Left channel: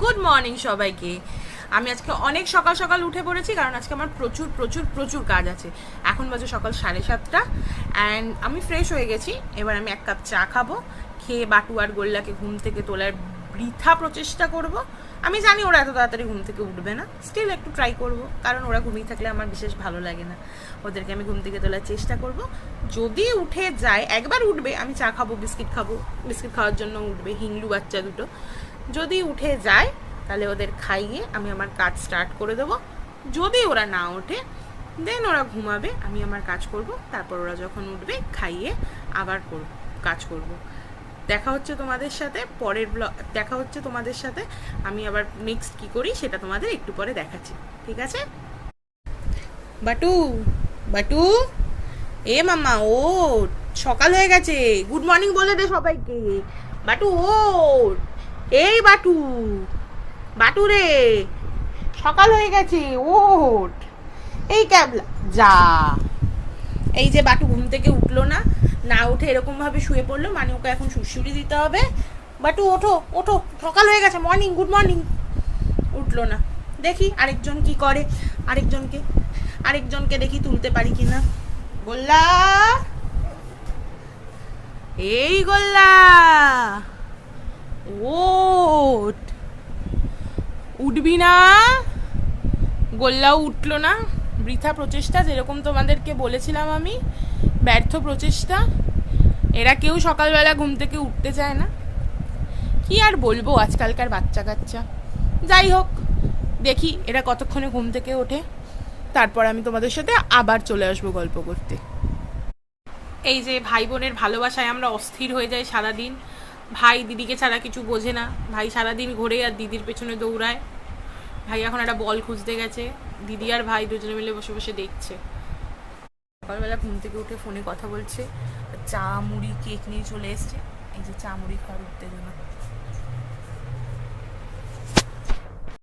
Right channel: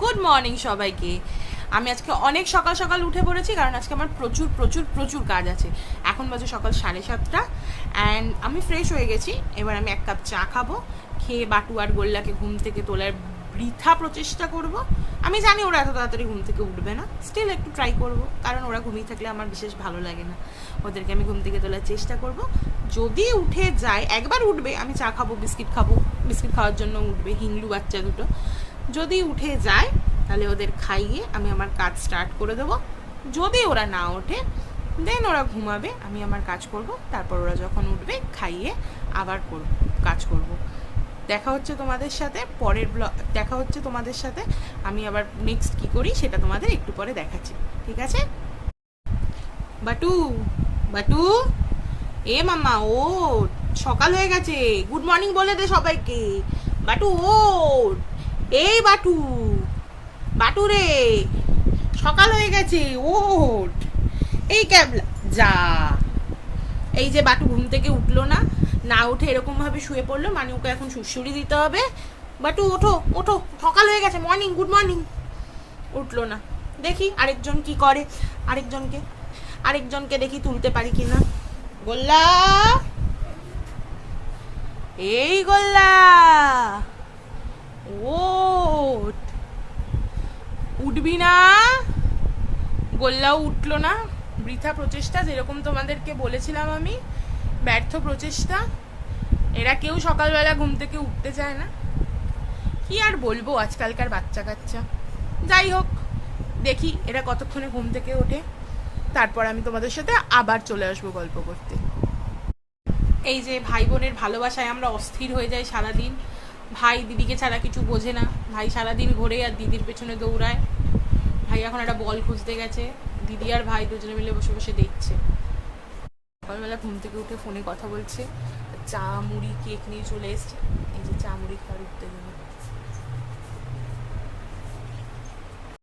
Good morning সবাইকে। আমি আজকে অনেক সকাল সকাল উঠে পড়েছি, কারণ আজকে আমার প্রচুর প্রচুর প্রচুর কাজ আছে। এখন বাজে সকাল 7:30 অ্যান্ড আমি ফ্রেশ হয়ে গেছি। এবার আমি এক কাপ চা খাবো, খেয়ে বাটু আর গোল্লাকে ঘুম থেকে তোলার বৃথা প্রচেষ্টা করব। আমি জানি ওরা এত তাড়াতাড়ি ঘুম থেকে উঠবে না, স্টিল একটু ট্রাই করব, কারণ ওরা ঘুমিয়ে থাকলে আমার বিশেষ ভালো লাগে না। ওদেরকে আমি ঘুম থেকে তোলার চেষ্টা করব। যদি উঠে যায়, একবার উঠবে, আমি চা খাবো, বিস্কিট খাবো, বিস্কিট খাওয়ার জন্য উঠবে হিংলু বাচ্চা দুটো। যদি উঠে যায় তাহলে ওদের খাইয়ে আমি আমার কাজ স্টার্ট করে দেবো। যদি ওরা না ওঠে দেন ওরা ঘুমাবে, আমি আমার কাজ করব। তারপর ওরা যখন উঠবে খাইয়ে আবার কাজ করব। দেখা হচ্ছে তোমাদের সাথে পরের দেখা হচ্ছে তোমাদের সাথে। আমি আবার নেক্সট কি করি সেটা তোমাদের একটু পরে দেখাচ্ছি, ঠিক আছে? বাটু, বাটু, এ মামা ওঠ, সকাল হয়ে গেছে, গুড মর্নিং বলে দে সবাইকে। বাটু ওঠ, এই বাটু, বাটু রে, সকাল হয়ে গেছে, ওঠ। এই ক্যাবলা যা। এই যে বাটু ঘুম থেকে উঠলো না, না উঠে এরকম ভাবে শুয়ে পড়লো, মানে ওকে এখন সুড়সুড়ি দিতে হবে। বাটু ওঠো ওঠো, সকাল হয়ে গেছে, মর্নিং, গুড মর্নিং। উঠলো না, দেখি আরেকজন কি করে। আরেকজনকে দেখি তুলতে পারি কিনা। গোল্লা, এই গোল্লা, ওঠ, উঠবি না? গোল্লাও উঠলো না, বৃথা প্রচেষ্টা, যেরকম তোমাদেরকে বলেছিলাম আমি, ব্যর্থ প্রচেষ্টা। এরা কেউ সকালবেলা ঘুম থেকে উঠতে চায় না, কি আর বলবো আজকালকার বাচ্চা কাচ্চা। যাই হোক, দেখি এরা কতক্ষণে ঘুম থেকে ওঠে, তারপর আমি তোমাদের সাথে আবার চলে আসবো গল্প করতে। এই যে ভাই বোনের ভালোবাসায় আমরা অস্থির হয়ে যাই সারাদিন। ভাই দিদিকে ছাড়া কিছু বোঝে না, ভাই সারাদিন ঘোরে আর দিদির পেছনে দৌড়ায়। ভাই এখন একটা বল খুঁজতে গেছে, দিদি আর ভাই দুজনে মিলে বসে বসে দেখছে। সকালবেলা ঘুম থেকে উঠে ফোনে কথা বলছে, চা মুড়ি কেক নিয়ে চলে এসছে। এই যে চা মুড়ি খাওয়ার উত্তেজনা।